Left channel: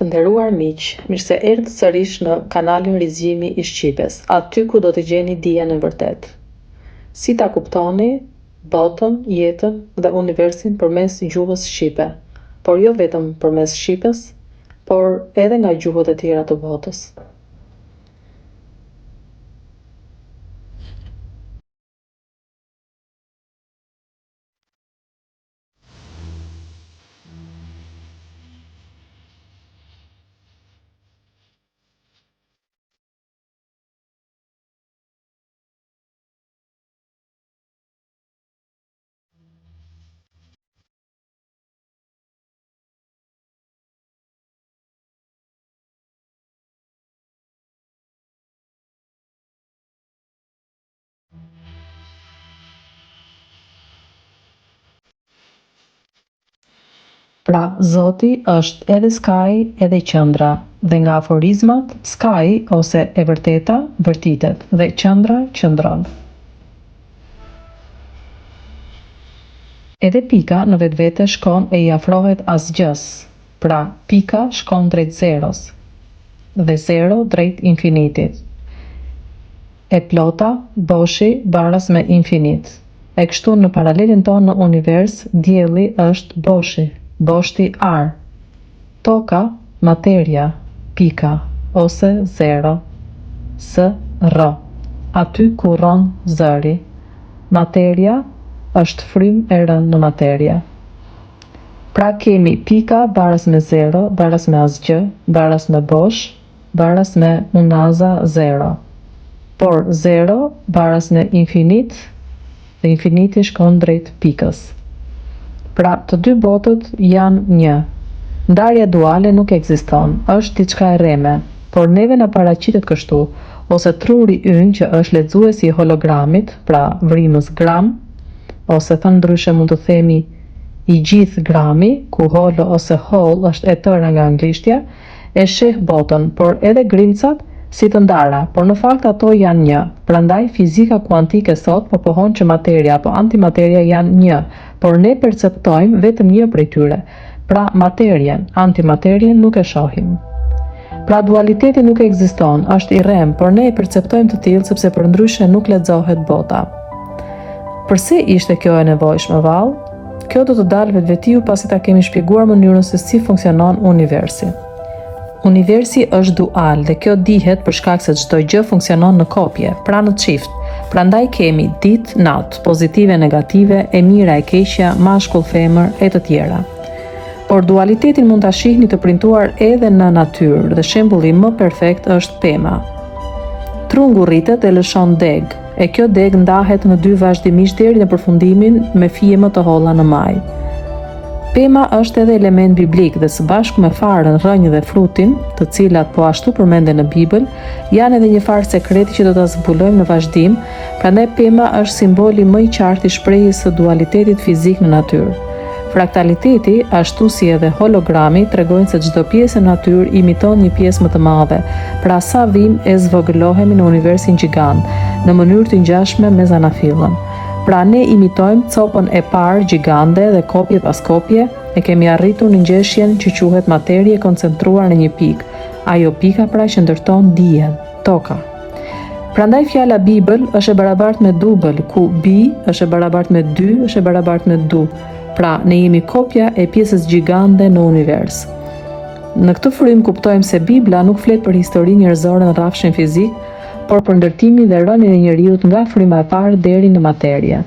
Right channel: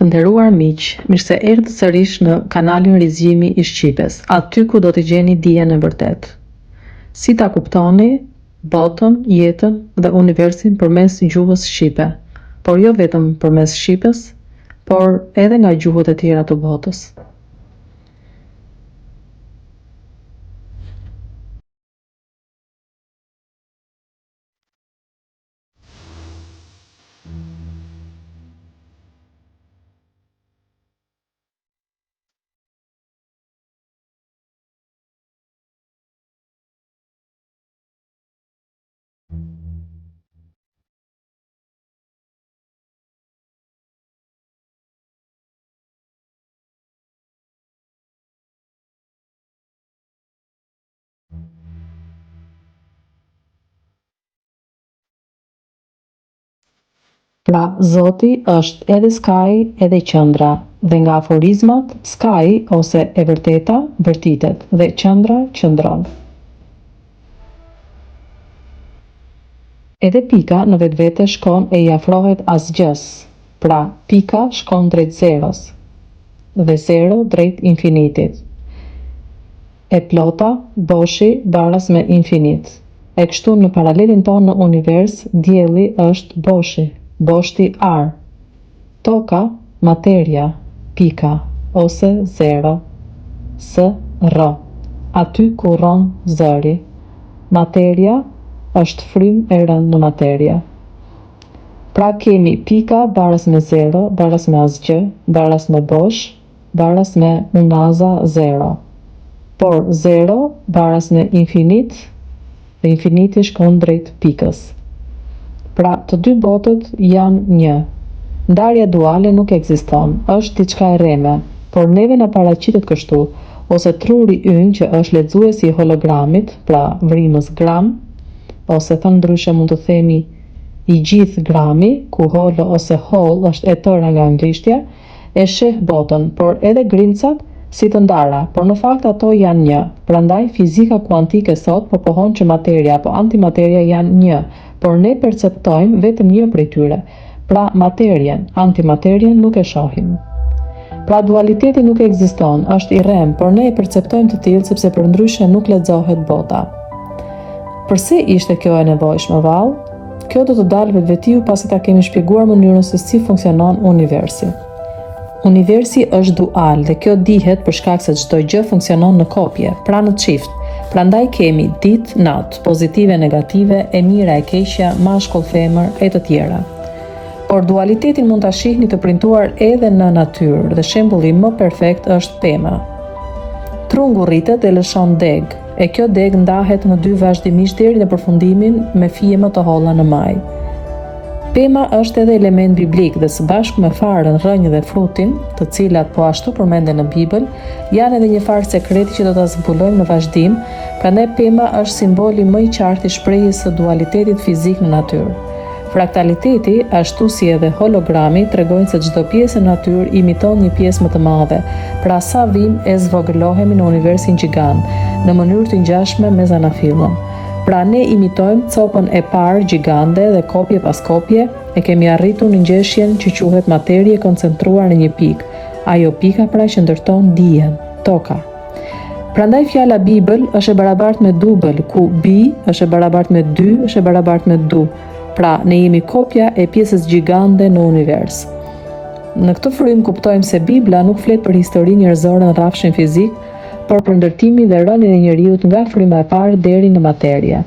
Të nderuar miq, mirë se erdhët sërish në kanalin Rizgjimi i Shqipes, aty ku do të gjeni dijen e vërtetë. Si ta kuptoni botën, jetën dhe universin përmes gjuhës shqipe, por jo vetëm përmes shqipes, por edhe nga gjuhët e tjera të botës. Pra, Zoti është edhe skaji edhe qendra, dhe nga aforizmat, skaji ose e vërteta vërtitet dhe qendra qëndron. Edhe pika në vetvete shkon e i afrohet asgjës, pra pika shkon drejt zeros dhe zero drejt infinitit. E plota, boshi baras me infinit. E kështu në paralelin tonë në univers, dielli është boshi, boshti ar. Toka, materia, pika, ose zero, S-R. Aty ku rron zëri. Materia është frymë e rënë në materia. Pra kemi pika baras me zero, baras me asgjë, baras me bosh, baras me unaza zero. Por zero baras me infinit dhe infiniti shkon drejt pikës. Pra të dy botët janë një. Ndarja duale nuk ekziston, është diçka e rreme, por neve na paraqitet kështu, ose truri ynë që është lexuesi i hologramit, pra vrimës gram, ose thënë ndryshe mund të themi i gjithë grami, ku holo ose hall është e tëra nga anglishtja, e sheh botën, por edhe grimcat si të ndara, por në fakt ato janë një. Prandaj fizika kuantike sot po pohon që materia apo antimateria janë një, por ne perceptojmë vetëm një prej tyre. Pra materien, antimaterien nuk e shohim. Pra dualiteti nuk ekziston, është i rrem, por ne e perceptojmë të tillë sepse përndryshe nuk lexohet bota. Përse ishte kjo e nevojshme vallë? Kjo do të dalë vetvetiu pasi ta kemi shpjeguar mënyrën se si funksionon universi. Universi është dual dhe kjo dihet për shkak se çdo gjë funksionon në kopje, pra në çift. Prandaj kemi ditë, natë, pozitive, negative, e mira, e keqja, mashkull, femër e të tjera. Por dualitetin mund ta shihni të premtuar edhe në natyrë dhe shembulli më perfekt është pema. Trungu rritet dhe lëshon deg, e kjo deg ndahet në dy vazhdimisht deri në përfundimin me fije më të holla në maj. Pema është edhe element biblik dhe së bashku me farën, rrënjë dhe frutin, të cilat po ashtu përmenden në Bibël, janë edhe një farë sekreti që do ta zbulojmë në vazhdim, prandaj pema është simboli më i qartë i shprehjes së dualitetit fizik në natyrë. Fraktaliteti, ashtu si edhe hologrami, tregojnë se çdo pjesë e natyrë imiton një pjesë më të madhe, pra sa vim e zvogëlohemi në universin gjigant, në mënyrë të ngjashme me zanafillën. Pra ne imitojmë copën e parë gjigande dhe kopje pas kopje e kemi arritur në ngjeshjen që quhet materie koncentruar në një pikë. Ajo pika pra që ndërton dijen, toka. Prandaj fjala Bibël është e barabartë me dubël, ku bi është e barabartë me 2 është e barabartë me du. Pra ne jemi kopja e pjesës gjigande në univers. Në këtë frymë kuptojmë se Bibla nuk flet për historinë njerëzore në rrafshin fizik, por për ndërtimin dhe rënien e njeriut nga fryma e parë deri në materie.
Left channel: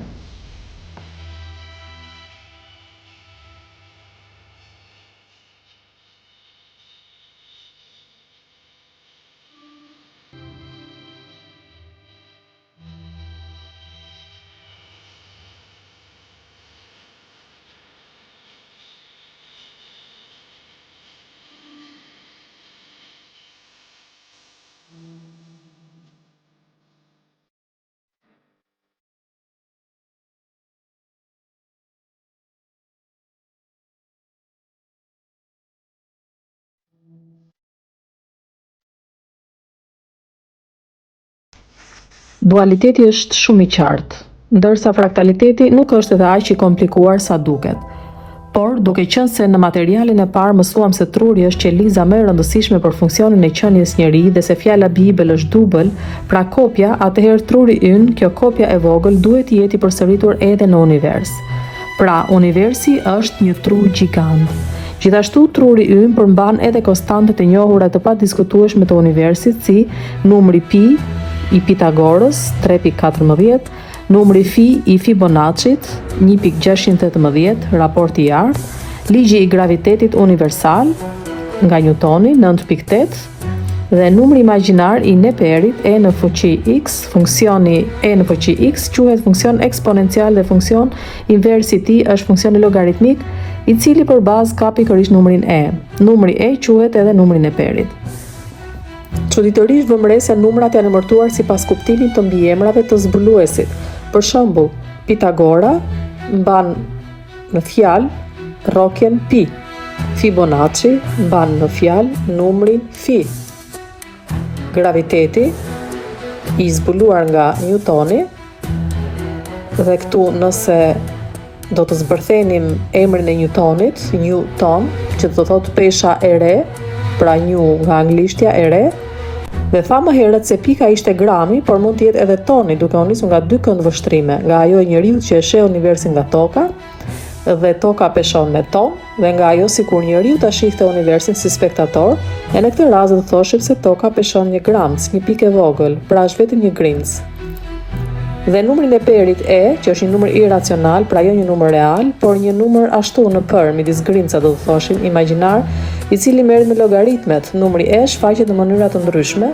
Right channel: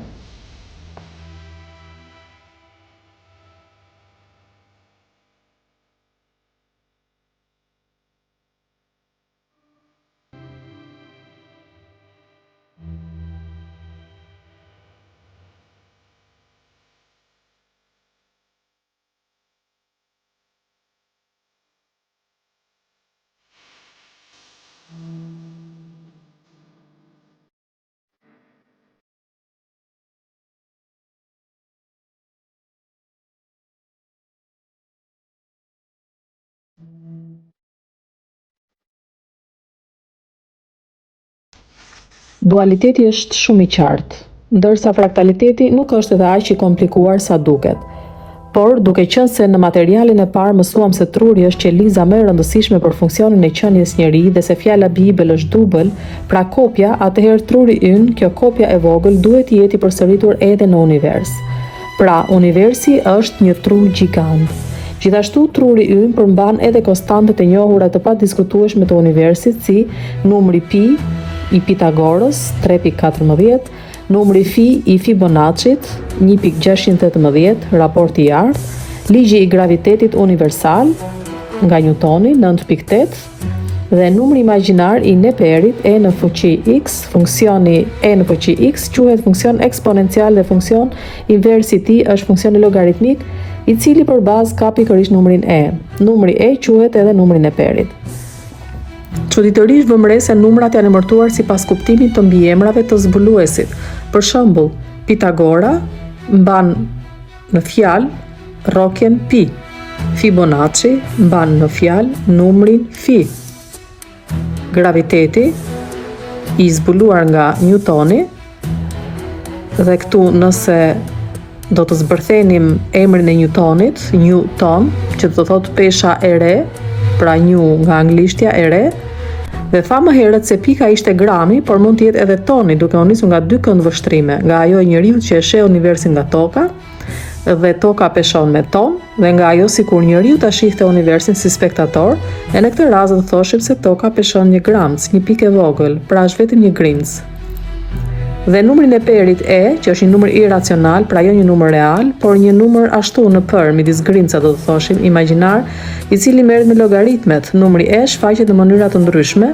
Dualiteti është shumë i qartë, ndërsa fraktaliteti nuk është edhe aq i komplikuar sa duket. Por, duke qenë se në materialin e parë mësuam se truri është qeliza më e rëndësishme për funksionin e qenies njeri dhe se fjala Bibël është dubël, pra kopja, atëherë truri ynë, kjo kopja e vogël, duhet të jetë i përsëritur edhe në univers. Pra, universi është një tru gjigant. Gjithashtu, truri ynë përmban edhe konstantet e njohura të padiskutueshme të universit, si numri pi i Pitagorës 3.14, numri fi i Fibonacit 1.618, raporti i ardh, ligji i gravitetit universal nga Newtoni 9.8 dhe numri imagjinar i Neperit e në fuqi x, funksioni e në fuqi x quhet funksion eksponencial dhe funksion inversi i tij është funksioni logaritmik i cili për bazë ka pikërisht numrin e. Numri e quhet edhe numri i Neperit. Çuditërisht vëmre se numrat janë emërtuar sipas kuptimit të mbiemrave të zbuluesit. Për shembull, Pitagora mban në fjalë rrokjen pi. Fibonacci mban në fjalë numrin fi. Graviteti i zbuluar nga Newtoni, dhe këtu nëse do të zbërthenim emrin e Newtonit, Newton, që do thotë pesha e re, pra New nga anglishtja e re, dhe tha më herët se pika ishte grami, por mund të jetë edhe toni, duke u nisur nga dy këndvështrime, nga ajo e njeriut që e sheh universin nga toka, dhe toka peshon me ton, dhe nga ajo sikur njeriu ta shihte universin si spektator, e në këtë rast do thoshim se toka peshon 1 gram, si një pikë e vogël, pra është vetëm një grimc. Dhe numri Neperit e, që është një numër iracional, pra jo një numër real, por një numër ashtu në për, midis grimca do të thoshim, imagjinar, i cili merret me llogaritmet. Numri e shfaqet në mënyra të ndryshme,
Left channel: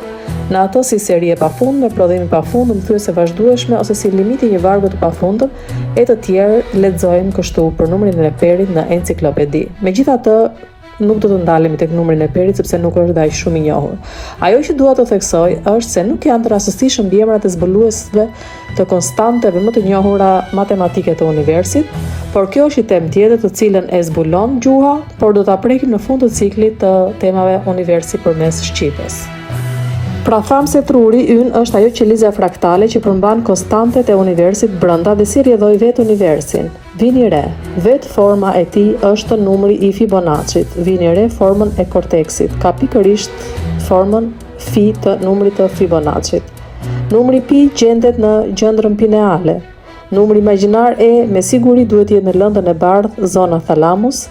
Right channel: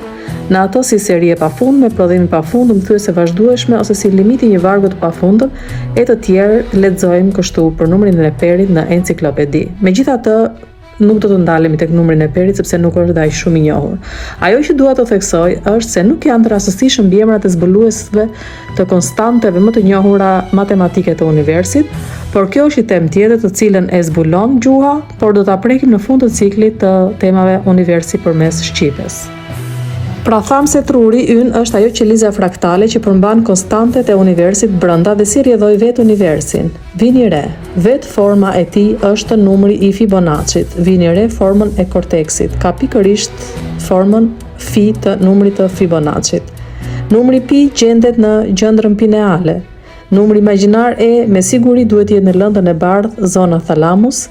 në ato si seri e pafundme, prodhim i pafundëm, thyese vazhdueshme ose si limiti i një vargu të pafundëm, e të tjerë lexojmë kështu për numrin e Neperit në enciklopedi. Megjithatë, nuk do të ndalemi tek numri i Neperit sepse nuk është aq shumë i njohur. Ajo që dua të theksoj është se nuk janë të rastësishëm mbiemrat e zbuluesve të konstanteve më të njohura matematike të universit, por kjo është një temë tjetër të cilën e zbulon gjuha, por do ta prekim në fund të ciklit të temave universi përmes shqipës. Pra tham se truri ynë është ajo qeliza fraktale që përmban konstantet e universit brenda dhe si rrjedhoi vetë universin. Vini re, vetë forma e tij është numri i Fibonacit. Vini re formën e korteksit. Ka pikërisht formën fi të numrit të Fibonacit. Numri pi gjendet në gjendrën pineale. Numri imagjinar e me siguri duhet jetë në lëndën e bardhë, zona thalamus,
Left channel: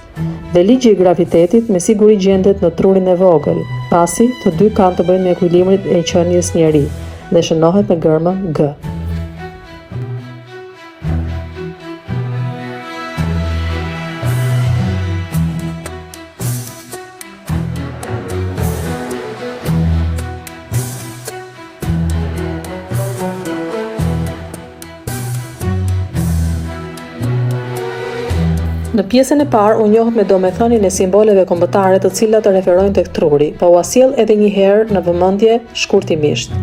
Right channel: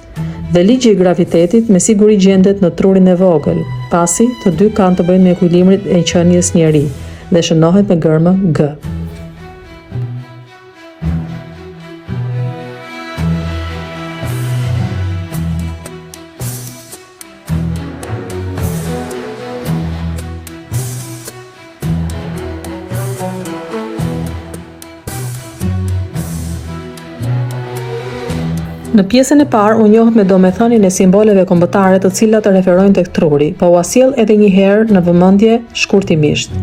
dhe ligji i gravitetit me siguri gjendet në trurin e vogël, pasi të dy kanë të bëjnë me ekuilibrin e qenies njeri dhe shënohet me gërmën G. Në pjesën e parë u njoh me domethënien e simboleve kombëtare të cilat referojnë tek truri, po ua sjell edhe një herë në vëmendje shkurtimisht.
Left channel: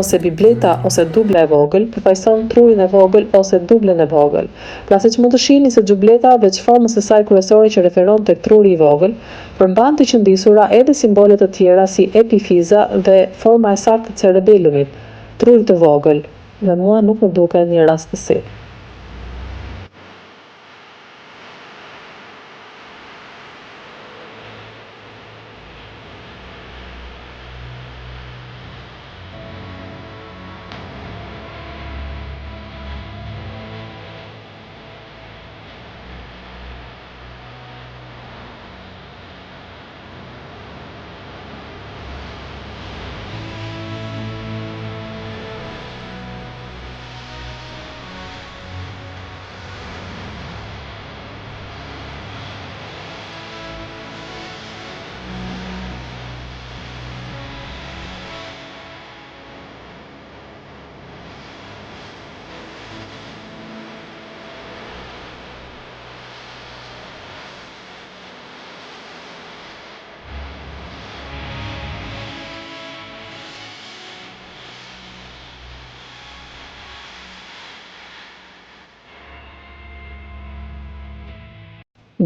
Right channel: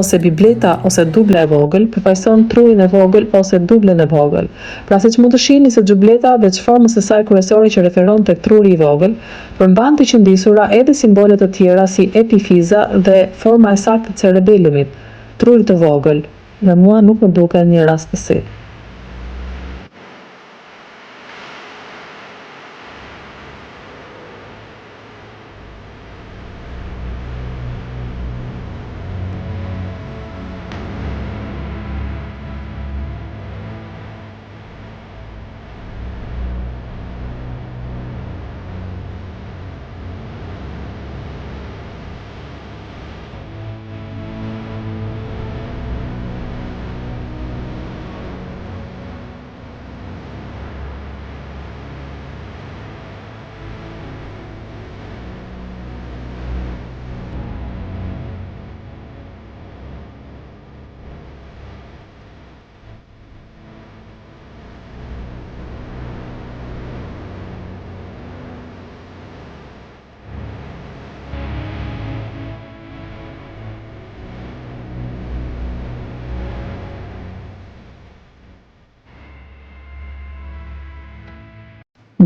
ose bibleta ose dubla e vogël përfaqëson trurin e vogël ose dublen e vogël. Pra siç mund të shihni se xhubleta veç formës së saj kryesore që referon tek truri i vogël, përmban të qëndisura edhe simbole të tjera si epifiza dhe forma e saktë e cerebelumit, truri të vogël, dhe mua nuk më duken një rastësi.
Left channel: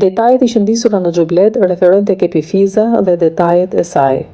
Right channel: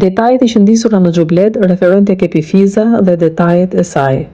Detajet i qëndisura në xhublet referojnë tek epifiza dhe detajet e saj.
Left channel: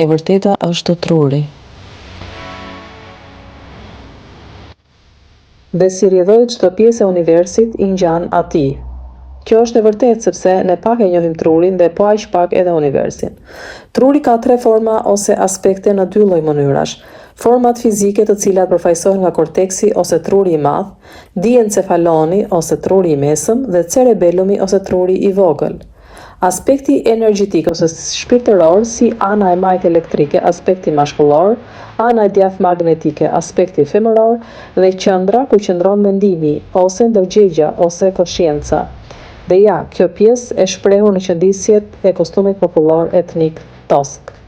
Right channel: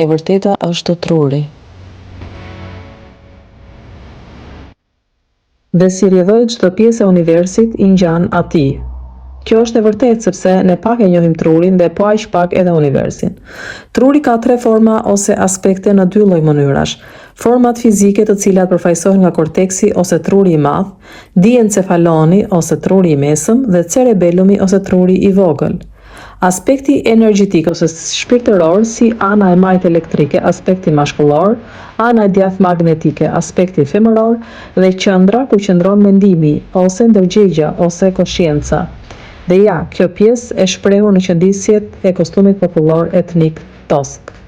E vërteta është truri. Dhe si rrjedhoi çdo pjesë e universit i ngjan atij. Kjo është e vërtetë sepse ne pak e njohim trurin dhe po aq pak edhe universin. Truri ka 3 forma ose aspekte në 2 lloj mënyrash. Format fizike të cilat përfaqësohen nga korteksi ose truri i madh, diencefaloni ose truri i mesëm dhe cerebelumi ose truri i vogël. Aspekti energjetik ose shpirtëror si ana e majt elektrike, aspekti mashkullor, ana e djathtë magnetike, aspekti femëror dhe qendra ku qëndron mendimi ose ndërgjegja ose konscienca. Dhe ja, kjo pjesë e shprehur në qëndisjet e kostumit popullor etnik tosk.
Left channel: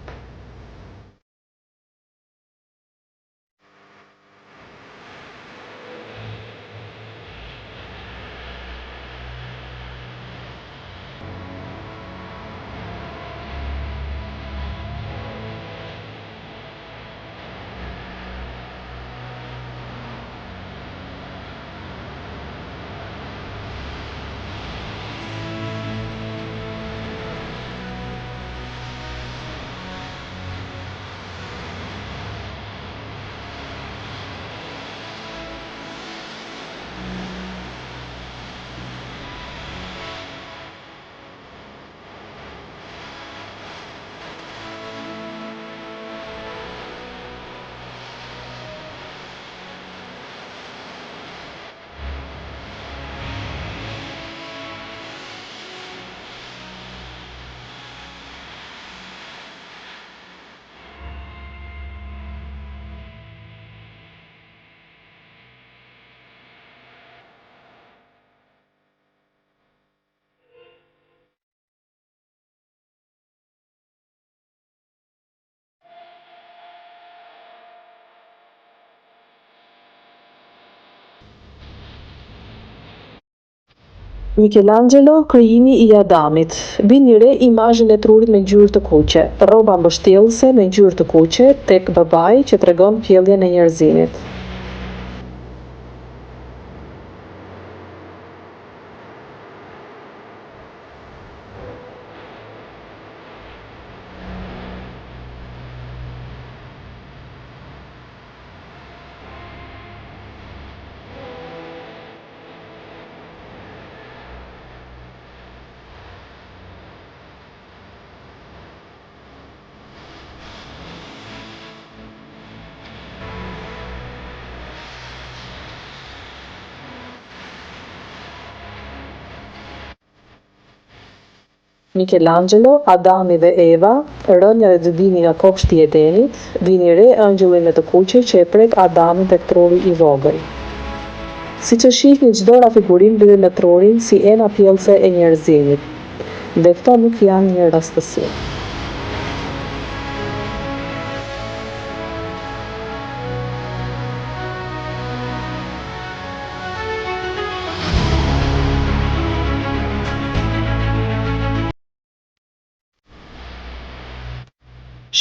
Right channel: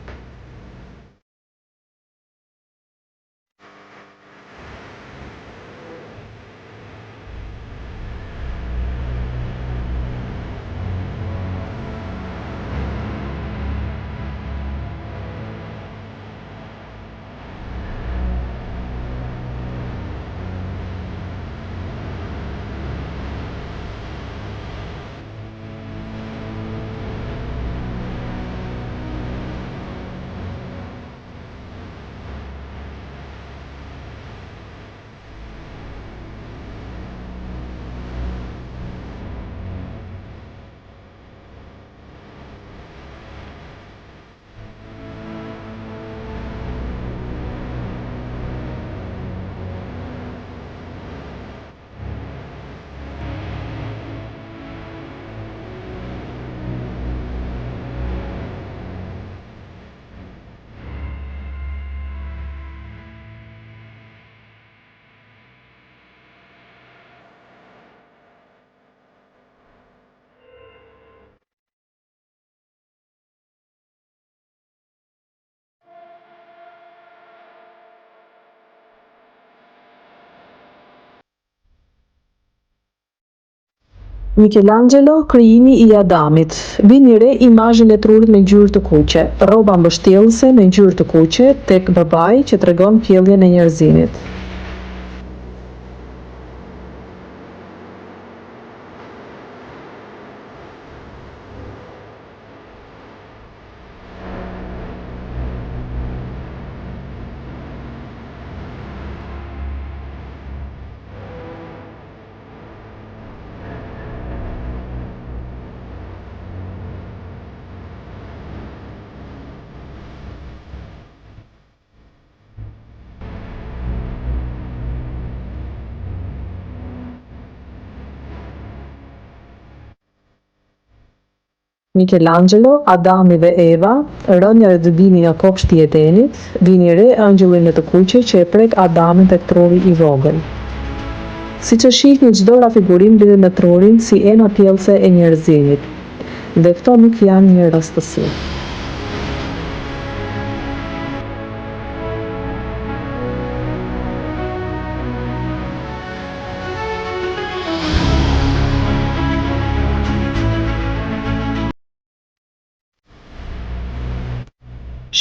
Michelangelo, krijimi i Adamit. Vini re imazhin e trurit me ngjyrë të kuqe, rroba mbështjellëse me ngjyrë të kuqe tek babai që tregon pjelljen e njerëzimit. Michelangelo, Adami dhe Eva, rënja e dëbimi nga kopshti i Edenit, vini re angjëllin e të kuqe që e prek Adamin tek truri i vogël. Siç e shihni, çdo rafigurim lidhet me trurin si ena pjellëse e njerëzimit. Dhe këto nuk janë një rastësi.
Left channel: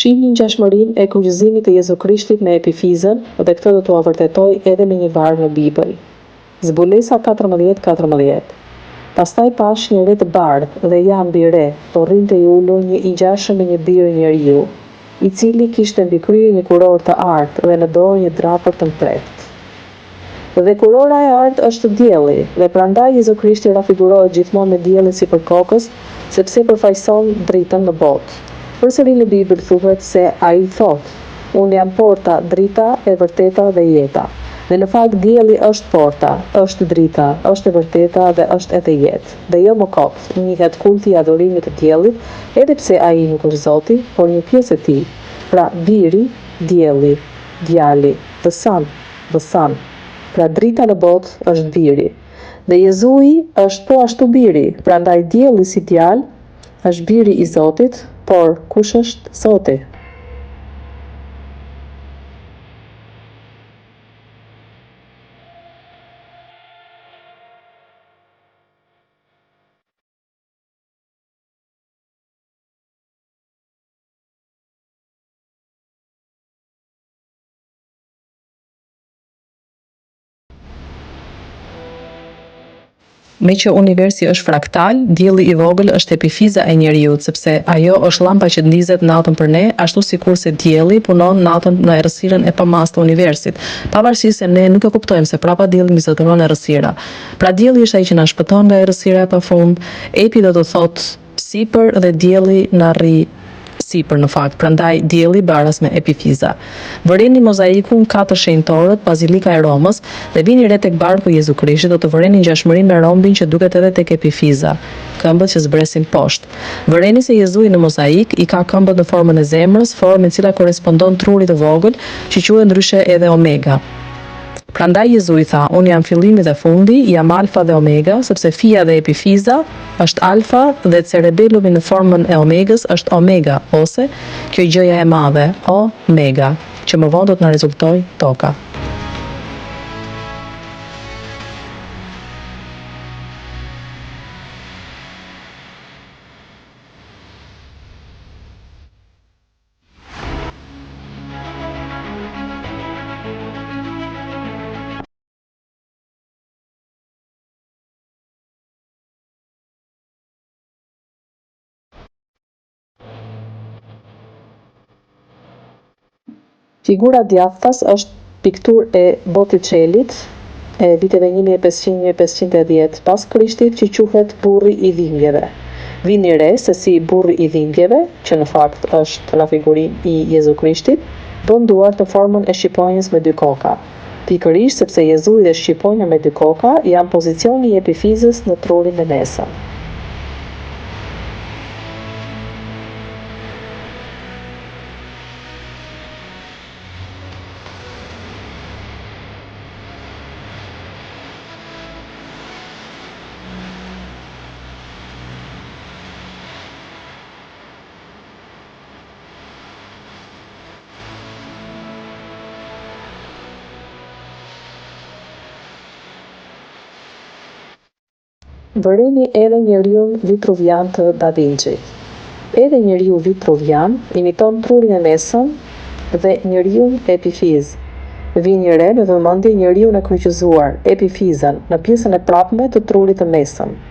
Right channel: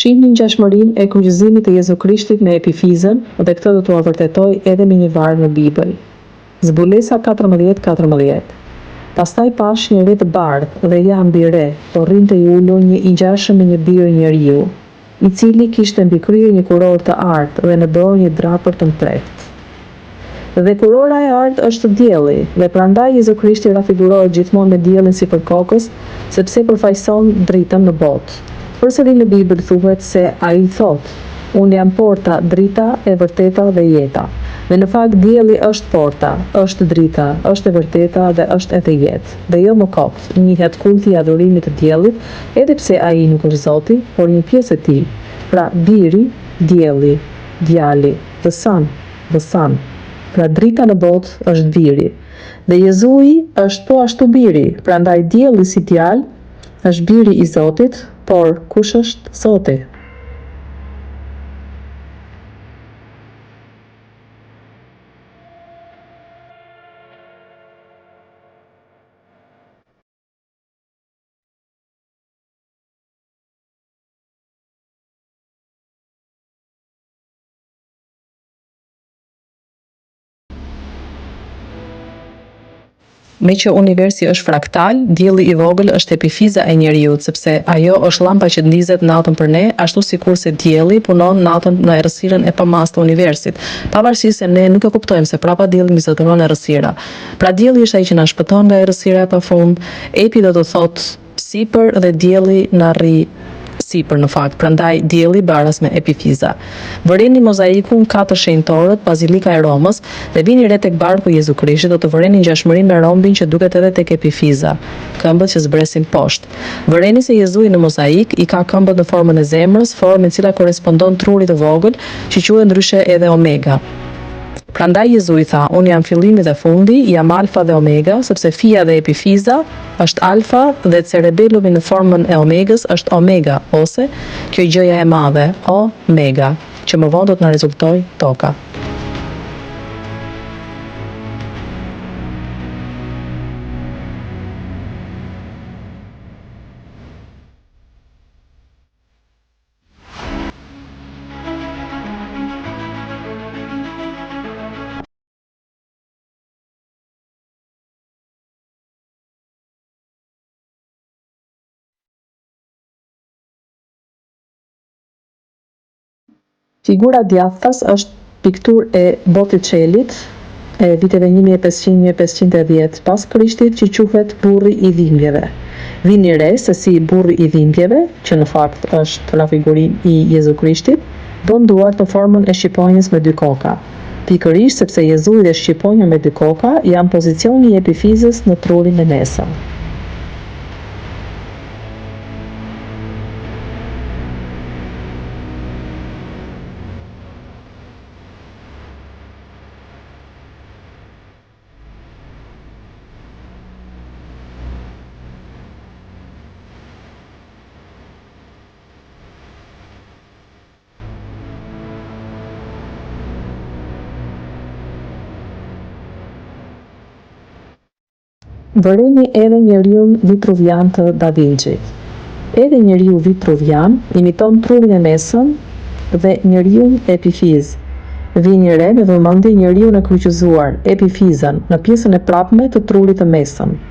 Shihni ngjashmërinë e kryqëzimit të Jezu Krishtit me Epifizën dhe këtë do t'ua vërtetoj edhe me një varg në Bibël. Zbulesa 14:14. Pastaj pash një re të bardhë dhe jam mbi re, po rrinte i ulur një i ngjashëm me një birë njeriu, i cili kishte mbi krye një kurorë të artë dhe në dorë një drapër të mprehtë. Dhe kurora e artë është dielli, dhe prandaj Jezu Krishti rafigurohet gjithmonë me diellin sipër kokës, sepse përfaqëson dritën në botë. Përsëri në Bibël thuhet se ai thotë: "Unë jam porta, drita e vërteta dhe jeta." Dhe në fakt dielli është porta, është drita, është e vërteta dhe është edhe jetë. Dhe jo më kopt, njihet kulti i adhurimit të diellit, edhe pse ai nuk është Zoti, por një pjesë e tij. Pra biri, dielli, djali, the sun. Pra drita në botë është biri. Dhe Jezui është po ashtu biri, prandaj dielli si djalë është biri i Zotit, por kush është Zoti? Me që universi është fraktal, dielli i vogël është epifiza e njeriut, sepse ajo është llampa që ndizet natën për ne, ashtu sikurse dielli punon natën në errësirën e pamast të universit, pavarësisht se ne nuk e kuptojmë se prapa dielli mbizotëron errësira. Pra dielli është ai që na shpëton nga errësira e pafund, epi do të thotë sipër dhe dielli na rri sipër në fakt, prandaj dielli baras me epifiza. Vëreni mozaikun 4 shenjtorët, Bazilika e Romës, dhe vini re tek barku i Jezu Krishtit, do të vëreni ngjashmërinë me rombin që duket edhe tek epifiza, këmbët që zbresin poshtë. Vëreni se Jezui në mozaik i ka këmbët në formën e zemrës, formë e cila korrespondon trurit të vogël, që quhet ndryshe edhe Omega. Prandaj Jezui tha: "Unë jam fillimi dhe fundi, jam Alfa dhe Omega", sepse fia dhe epifiza është Alfa dhe cerebellumi në formën e Omegës është Omega, ose kjo gjëja e madhe, Omega, që më vonë do të na rezultojë toka. Figura djathtas është pikturë e Botticellit e viteve 1500-1510 pas Krishtit, që quhet burri i dhimbjeve. Vini re se si burri i dhimbjeve, që në fakt është rafigurim i Jezu Krishtit, don duart në formën e shqiponjës me dy koka. Pikërisht sepse Jezui dhe shqiponja me dy koka janë pozicioni i epifizës në trurin e mesëm. Vëreni edhe njeriun Vitruvian të Da Vinci. Edhe njeriu Vitruvian imiton trurin e mesëm dhe njeriun Epifiz. Vini re në vëmendje njeriun e kryqëzuar, Epifizën, në pjesën e prapme të trurit të mesëm.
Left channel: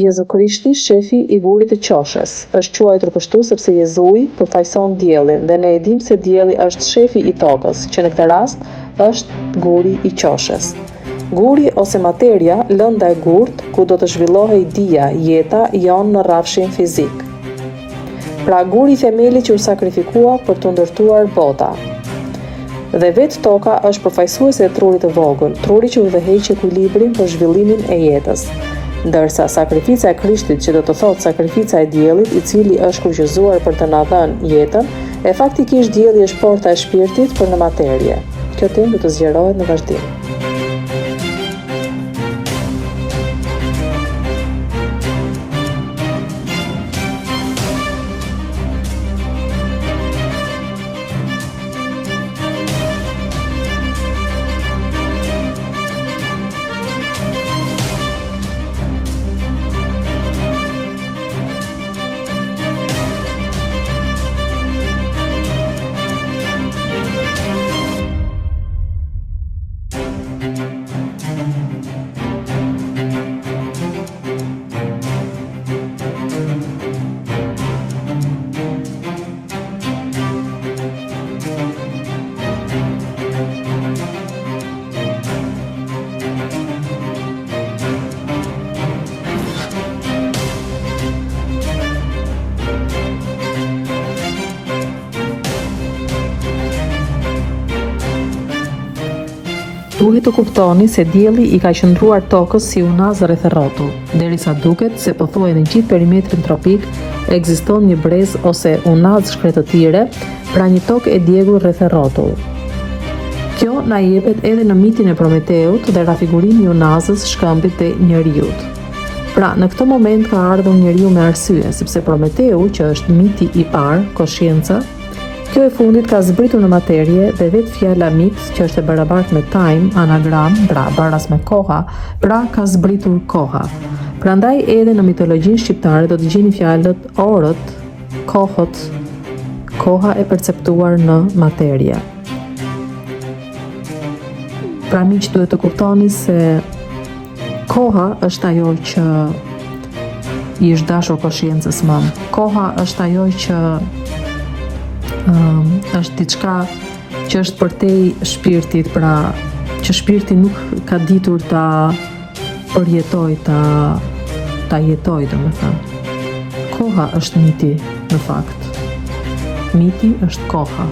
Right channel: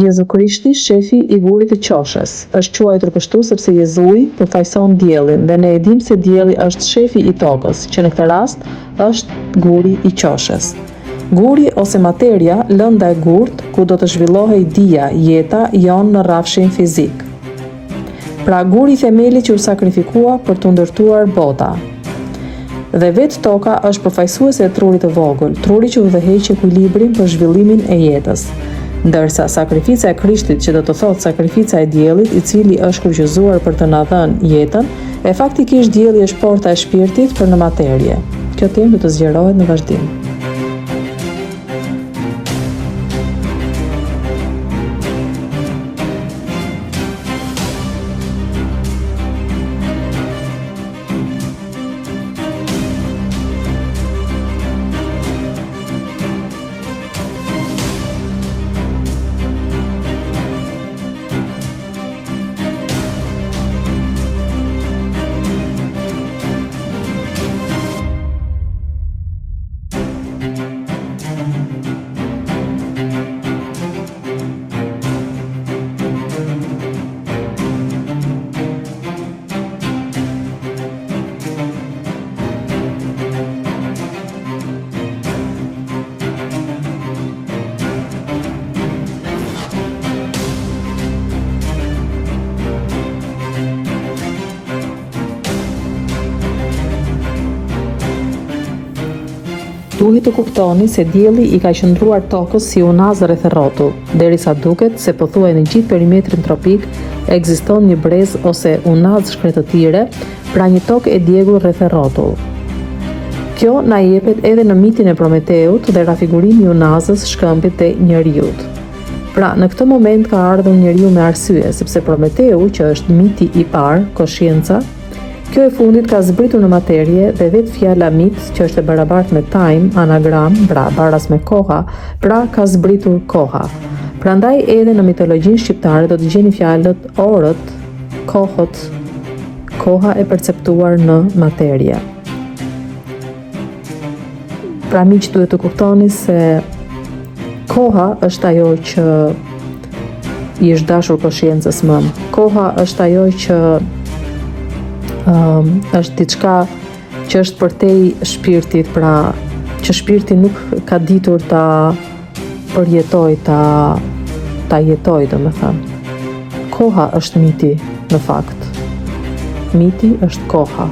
Jezu Krishti, shefi I gurit të qoshës, është quajtur kështu sepse Jezui përfaqëson diellin dhe ne e dimë se dielli është shefi I tokës, që në këtë rast është guri I qoshës. Guri ose materia, lënda e gurt, ku do të zhvillohej dia, jeta jon në rrafshin fizik. Pra guri I themelit që u sakrifikua për të ndërtuar bota. Dhe vetë toka është përfaqësuese e trurit të vogël, truri që udhëheq ekuilibrin për zhvillimin e jetës. Ndërsa sakrifica e Krishtit, që do të thotë sakrifica e diellit, I cili është kryqëzuar për të na dhënë jetën, e faktikisht dielli është porta e shpirtit për në materie. Kjo temë do të zgjerohet në vazhdim. Duhet të kuptoni se dielli I ka qëndruar tokës si unaz rreth rrotull, derisa duket se pothuaj në gjithë perimetrin tropik ekziston një brez ose unaz shkretëtire, pra një tokë e djegur rreth rrotull. Kjo na jepet edhe në mitin e Prometeut dhe rafigurimi I unazës shkëmbit të njeriut. Pra, në këtë moment ka ardhur njeriu me arsye, sepse Prometeu, që është miti I parë, koshienca, kjo e fundit ka zbritur në materie dhe vetë fjala mit, që është e barabartë me time, anagram, pra baras me koha, pra ka zbritur koha. Prandaj edhe në mitologjinë shqiptare do të gjeni fjalët orët, kohët, koha e perceptuar në materie. Pra miq, duhet të kuptoni se koha është ajo që I është dashur koshencës më. Koha është ajo që është diçka që është përtej shpirtit, pra që shpirti nuk ka ditur ta përjetoj, ta jetoj, domethënë. Koha është miti, në fakt. Miti është koha.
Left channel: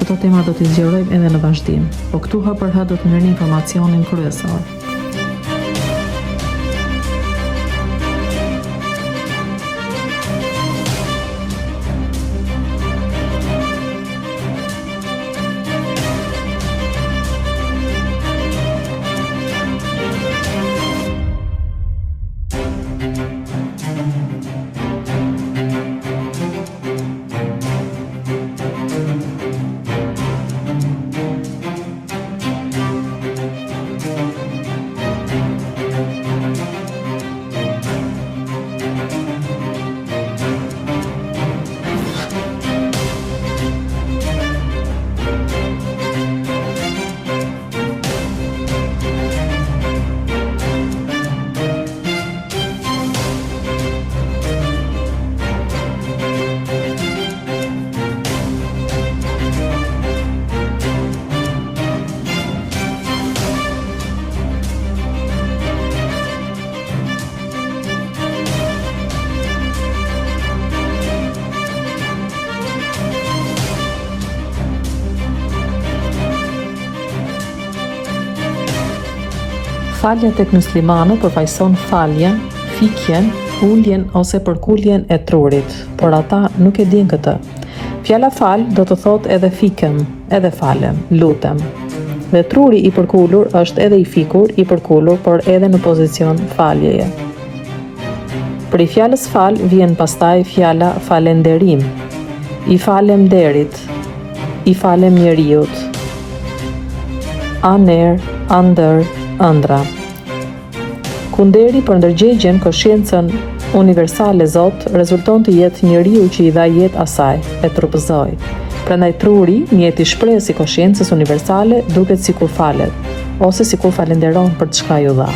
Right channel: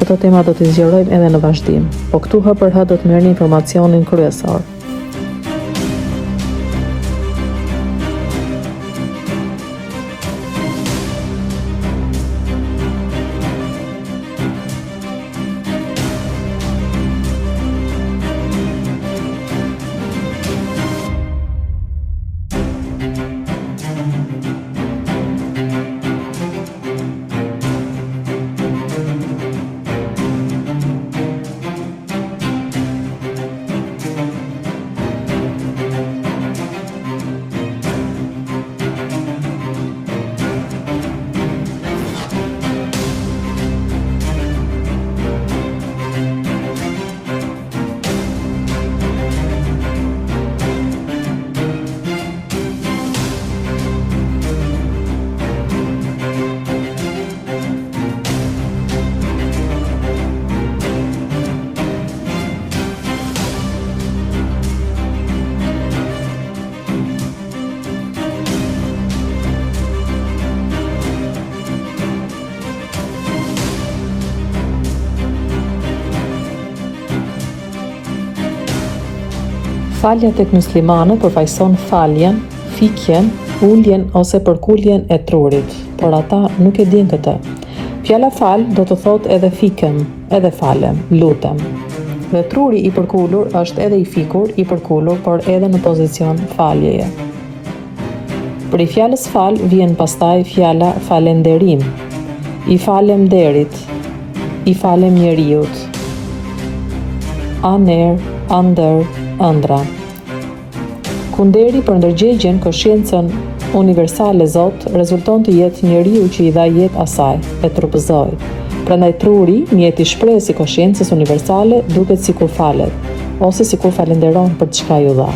Këto tema do t'i zgjerojmë edhe në vazhdim, po këtu hë për hë do të merrni informacionin kryesor. Falja tek muslimanët përfaqëson faljen, fikjen, uljen ose përkuljen e trurit, por ata nuk e dinë këtë. Fjala fal do të thotë edhe fikem, edhe falem, lutem. Dhe truri i përkulur është edhe i fikur, i përkulur, por edhe në pozicion faljeje. Për i fjalës fal vjen pastaj fjala falenderim, i falem derit, i falem njeriut, aner, andër, ëndra. Kunderi për ndërgjegjen kosciencën universale Zot rezulton të jetë njeriu që i dha jetë asaj, e trupëzoi. Prandaj truri, mjeti shprehës i kosciencës universale, duket sikur falet, ose sikur falenderon për çka ju dha.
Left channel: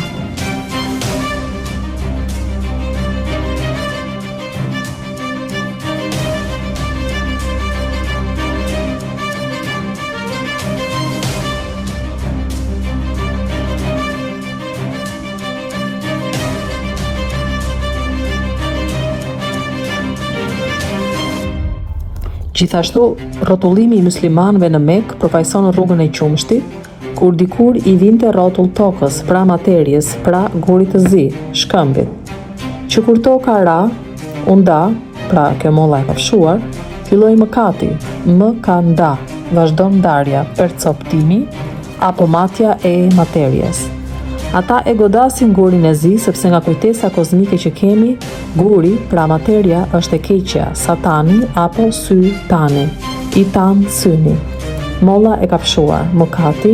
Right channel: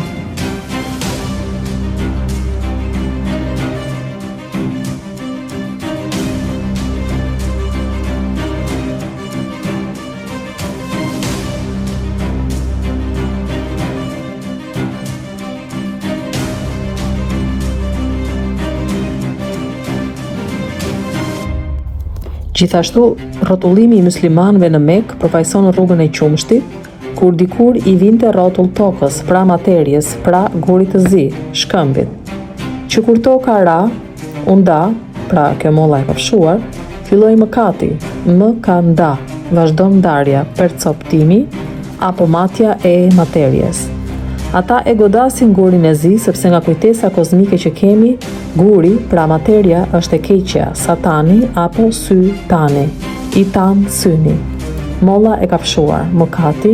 Gjithashtu, rrotullimi i muslimanëve në Mekë përfaqëson rrugën e qumshtit, kur dikur i vinte rrotull tokës, pra materjes, pra gurit të zi, shkëmbit. Që kur toka ra, unda, pra kjo molla e kafshuar, filloi mëkati, më ka nda, vazhdon ndarja, percoptimi apo matja e materjes. Ata e godasin gurin e zi, sepse nga kujtesa kozmike që kemi, guri, pra materja, është e keqja, satani apo sy tani, i tan syni. Molla e kafshuar, mëkati,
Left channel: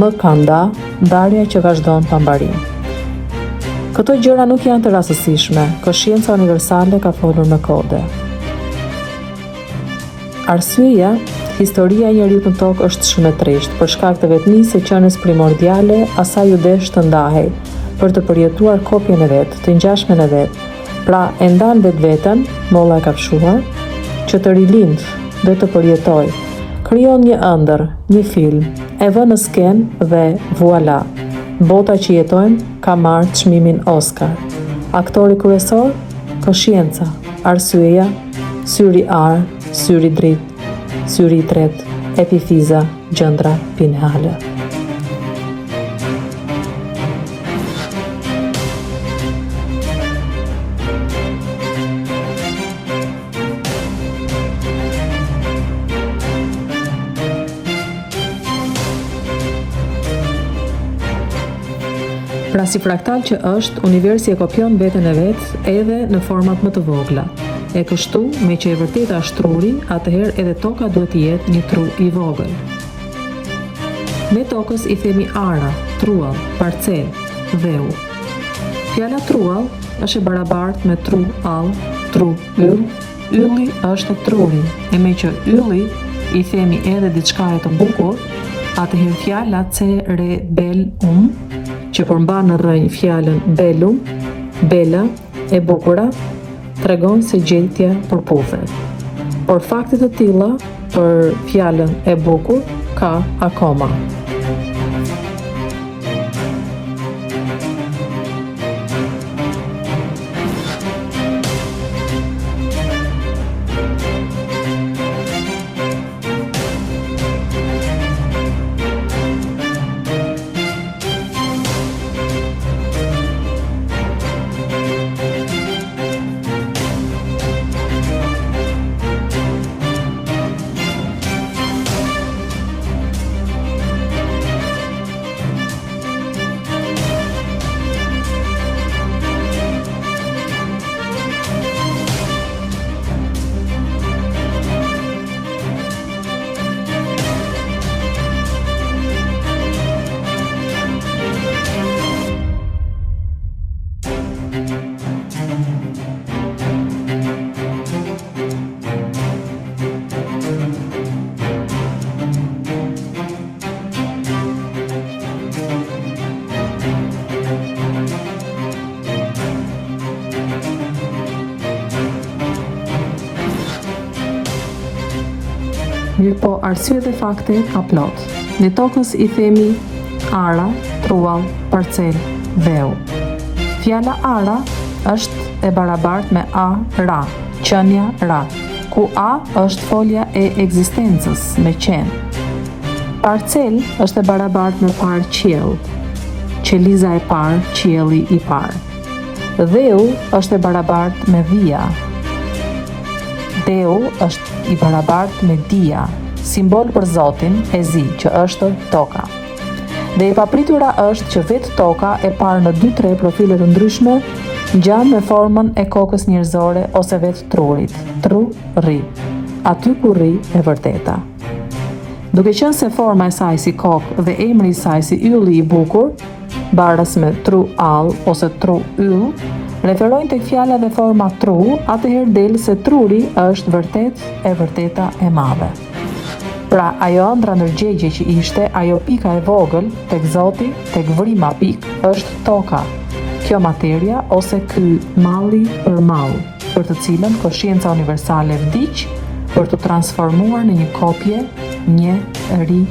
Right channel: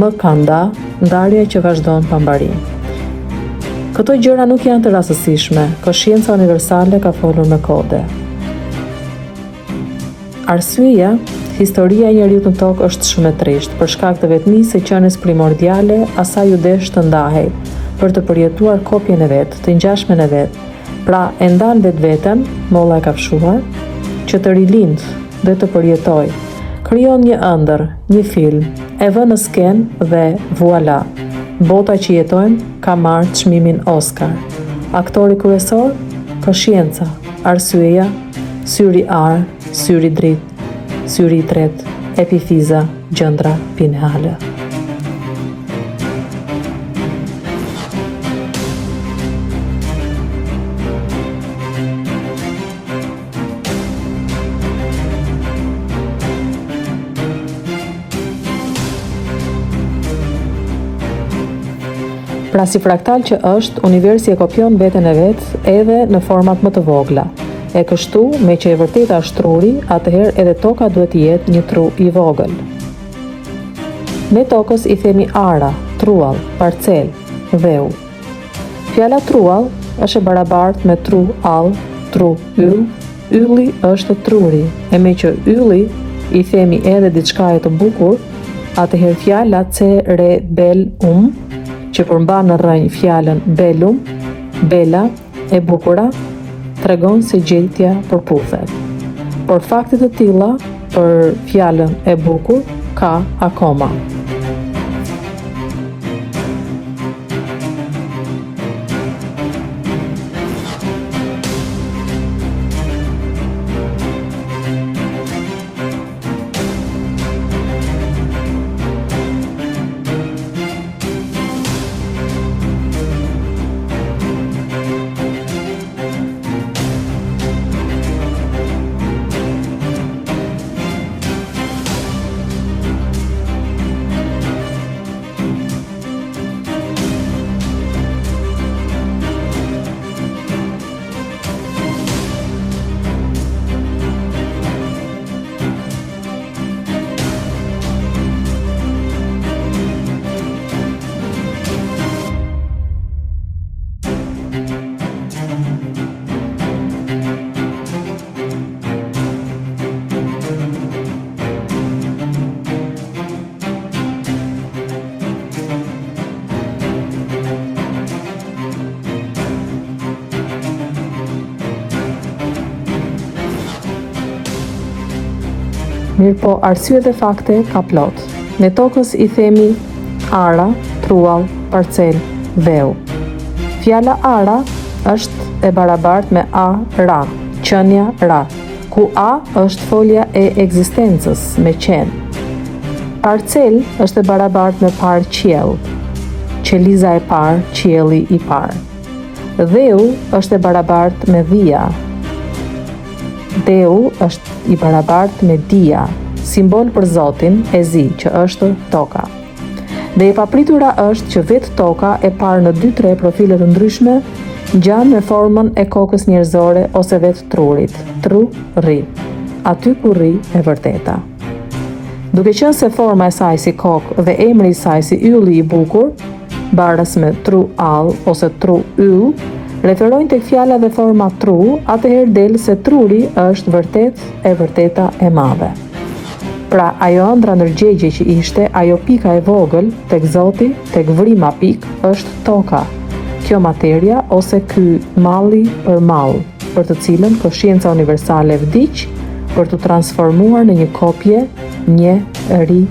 më kanda, ndarja që vazhdon pa mbarim. Këto gjëra nuk janë të rastësishme, koscienca universale ka folur me kode. Arsyeja, historia e njeriut në tokë është shumë e trisht, për shkak të vetmisë së qenies primordiale, asaj u desh të ndahej, për të përjetuar kopjen e vet, të ngjashmen e vet. Pra e ndan vetveten, molla e kafshuar, që të rilind dhe të përjetoj. Krijon një ëndër, një film, e vë në sken dhe voilà. Bota që jetojmë ka marrë çmimin Oscar. Aktori kryesor, koscienca, arsyeja, syri ar, syri dritë, syri i tretë, epifiza, gjëndra pineale. Pra si fraktal që është, universi e kopjon veten e vet edhe në format më të vogla. E kështu, me që e vërteta është truri, atëherë edhe toka duhet të jetë një tru i vogël. Ne tokës i themi ara, truall, parcel, dheu. Fjala truall është e barabartë me tru all, tru yll, ylli është truri, e me që ylli i themi edhe diçka e të bukur, atëherë fjala cerebellum, që përmban në rrënjë fjalën bellum, bela, e bukura, tregon se gjendja përputhet. Por fakte të tilla për fjalën e bukur ka akoma. Mirë po, arsye dhe fakte ka plot. Ne tokës i themi ara, truall, parcel, dheu. Fjala ara është e barabartë me a, ra, qënia ra, ku a është folja e ekzistencës me qenë. Parcel është e barabartë me par qiell. qeliza e parë, qielli i parë. Dheu është e barabartë me dhia. Dheu është i barabartë me dia, simbol për Zotin e zi, që është toka. Dhe e papritura është që vetë toka e parë në 2-3 profile të ndryshme ngjan me formën e kokës njerëzore ose vetë trurit, tru-ri, aty ku rri e vërteta. Duke qenë se forma e saj si kokë dhe emri i saj si ylli i bukur, baras me tru-all ose tru-yll, referojnë tek fjala dhe forma tru, atëherë del se truri është e vërteta e madhe. Pra, ajo ëndra ndërgjegje që ishte, ajo pika e vogël, tek Zoti, tek vrima pik, është toka. Kjo materia ose ky malli për mall, për të cilën koscienca universale vdiq për të transformuar në një kopje, njeri.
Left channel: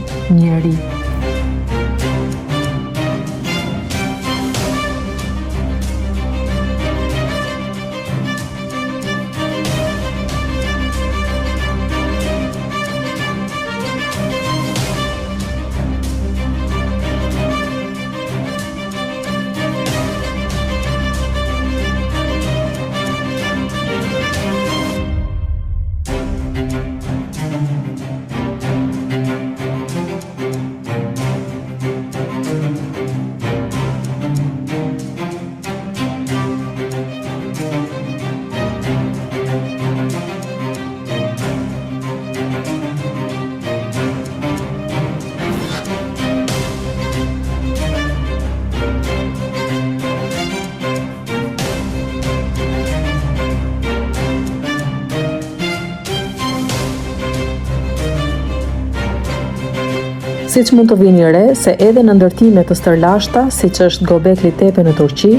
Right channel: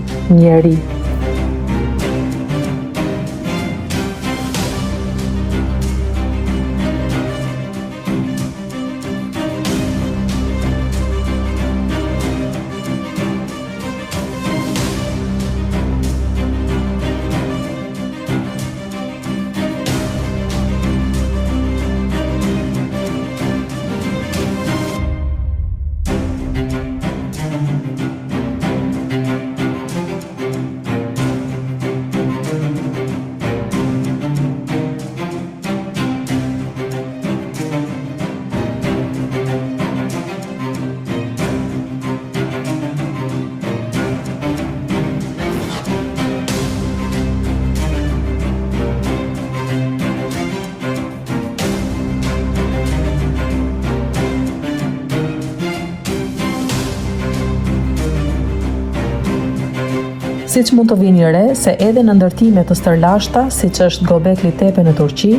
Siç mund të vini re se edhe në ndërtime të stërlashta, siç është Göbekli Tepe në Turqi,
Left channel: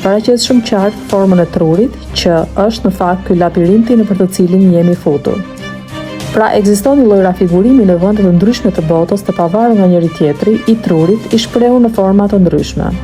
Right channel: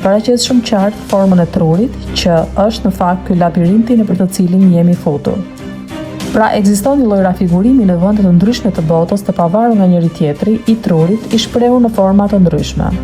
paraqet shumë qartë formën e trurit, që është në fakt ky labirinti nëpër të cilin jemi futur. Pra ekziston një lloj rafigurimi në vende të ndryshme të botës, të pavarur nga njëri tjetri, i trurit, i shprehur në forma të ndryshme.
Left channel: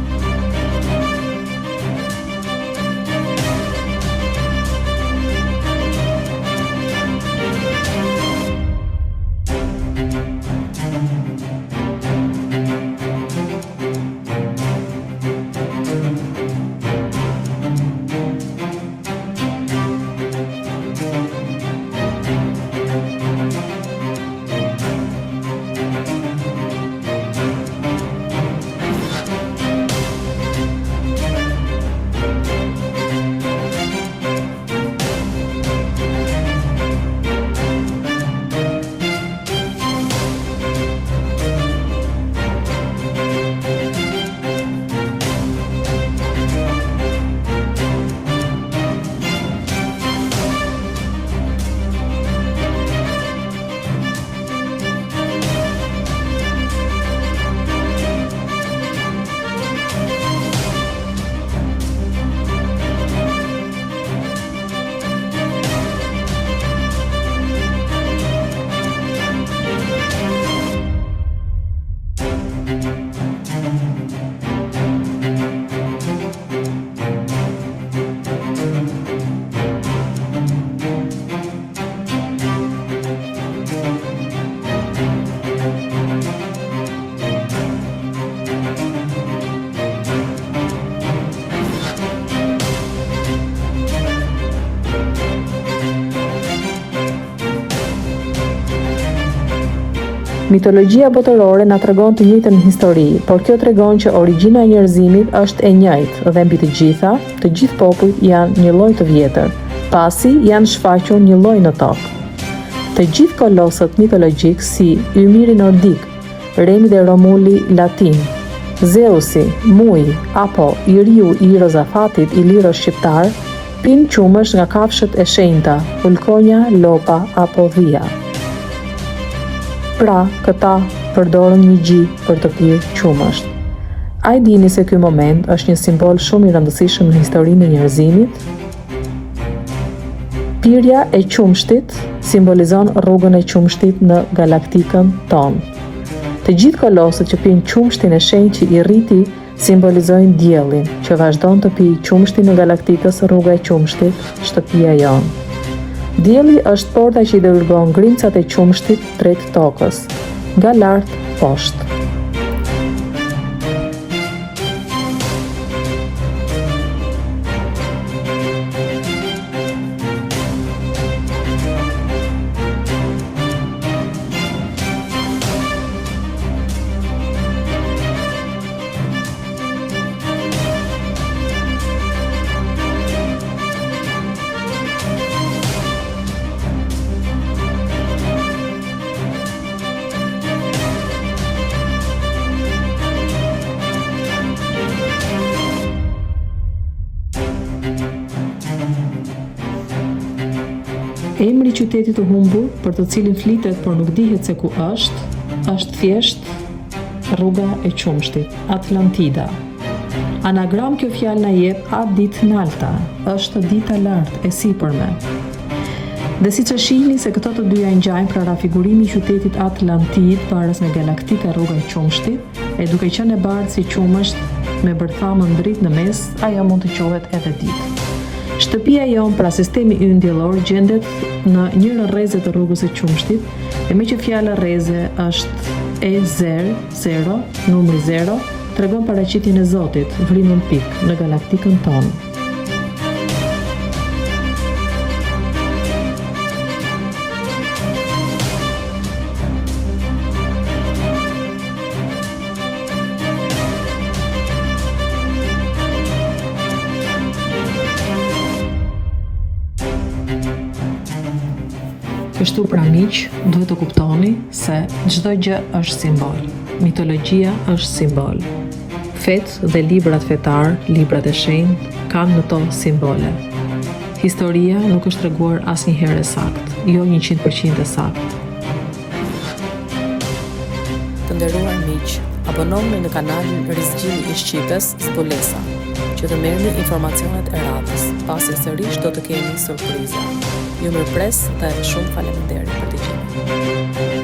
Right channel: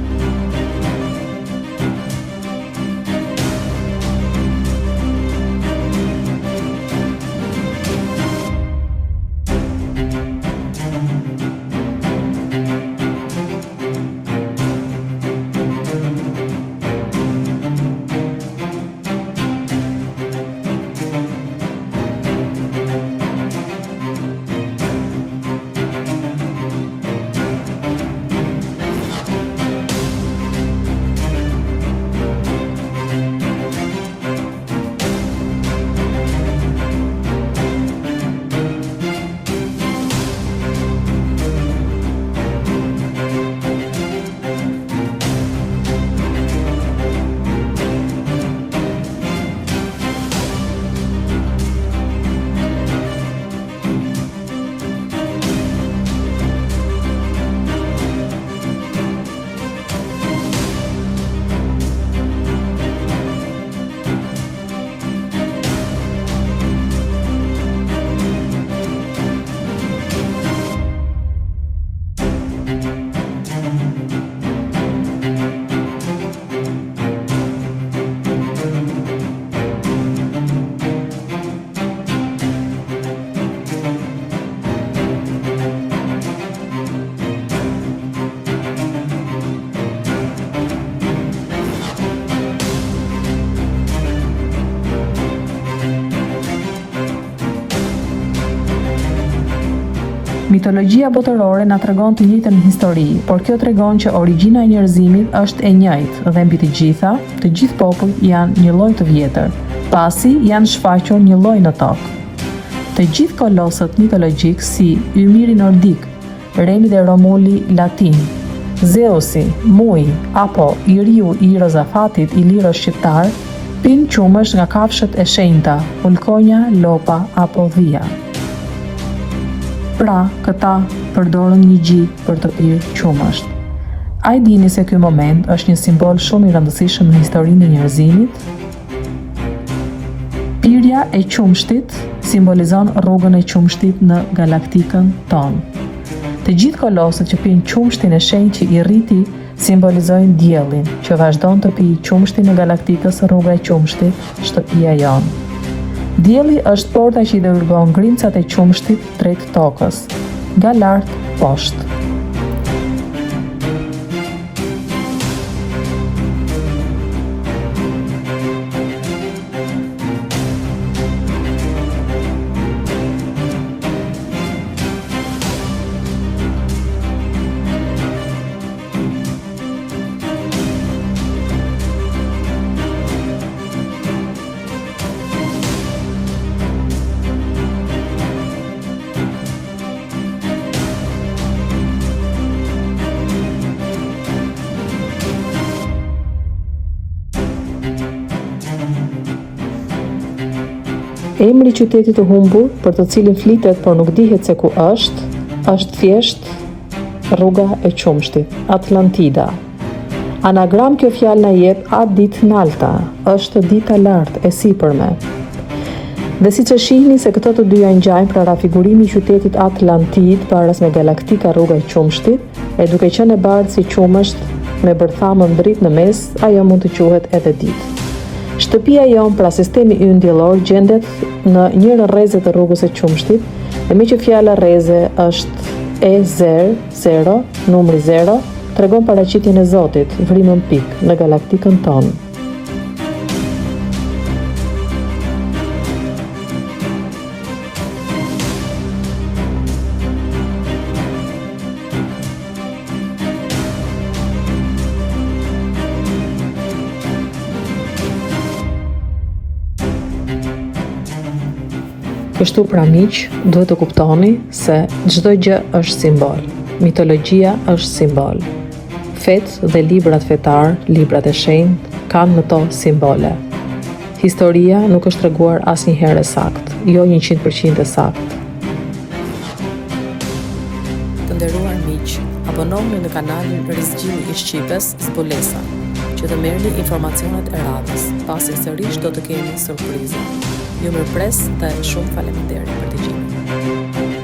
Mitologjia botërore na tregon të njëjtën histori, por kjo tregon që origjina e njerëzimit është e njëjtë dhe mbi të gjithë popujt janë një lloj të vjetër, pasi janë shfaqur një lloj në tokë. Të gjithë kolosët mitologjik si Ymiri nordik, Remi dhe Romuli latin, Zeusi, Muji apo Iriu i Rozafatit i lirës shqiptar, pinë qumësh nga kafshët e shenjta, ulkonja, lopa apo dhia. Pra, këta përdorën një gji për të pirë qumësht. A i dini se ky moment është një simbol shumë i rëndësishëm në historinë e njerëzimit? Pirja e qumshtit simbolizon rrugën e qumshtit në galaktikën tonë. Të gjithë kolosët që pinë qumshtin e shenjtë që i rriti simbolizojnë diellin, që vazhdon të pijë qumshtin në galaktikës rruga e qumshtit, shtëpia jonë. Dielli është porta që i dërgon grimcat e qumshtit drejt tokës, nga lart poshtë. Emri i qytetit të humbur, për të cilin flitet por nuk dihet se ku është thjesht rruga e qumshtit, Atlantida. Anagram kjo fjalë na jep atë ditë nalta, është dita lartë e sipërme. Dhe siç e shihni se këto të dyja ngjajnë, pra rafigurimi i qytetit Atlantid paras me galaktika rruga e qumshtit, e duke qenë e bardhë si qumësht me bërthamën dritë në mes, ajo mund të quhet edhe ditë. Shtëpia jon, pra sistemi ynë diellor, gjendet në njërin rreze të rrugës së qumshtit, dhe me që fjala rreze është E0, numri 0, tregon paraqitjen e Zotit, vrimën pik në galaktikën tonë. Kështu pra miq, duhet të kuptoni se çdo gjë është simbol. Mitologjia është simbol. Fetë dhe librat fetar, librat e shenjtë, kanë në to simbole. Historia nuk është treguar asnjëherë saktë, jo 100% e saktë. Të nderuar miq, abonohuni në kanalin Rizgjimi i Shqipës Zbulesa, që të merrni informacionet e radhës, pasi sërish do të kemi surpriza. Ju mirëpres dhe shumë faleminderit për dëgjimin.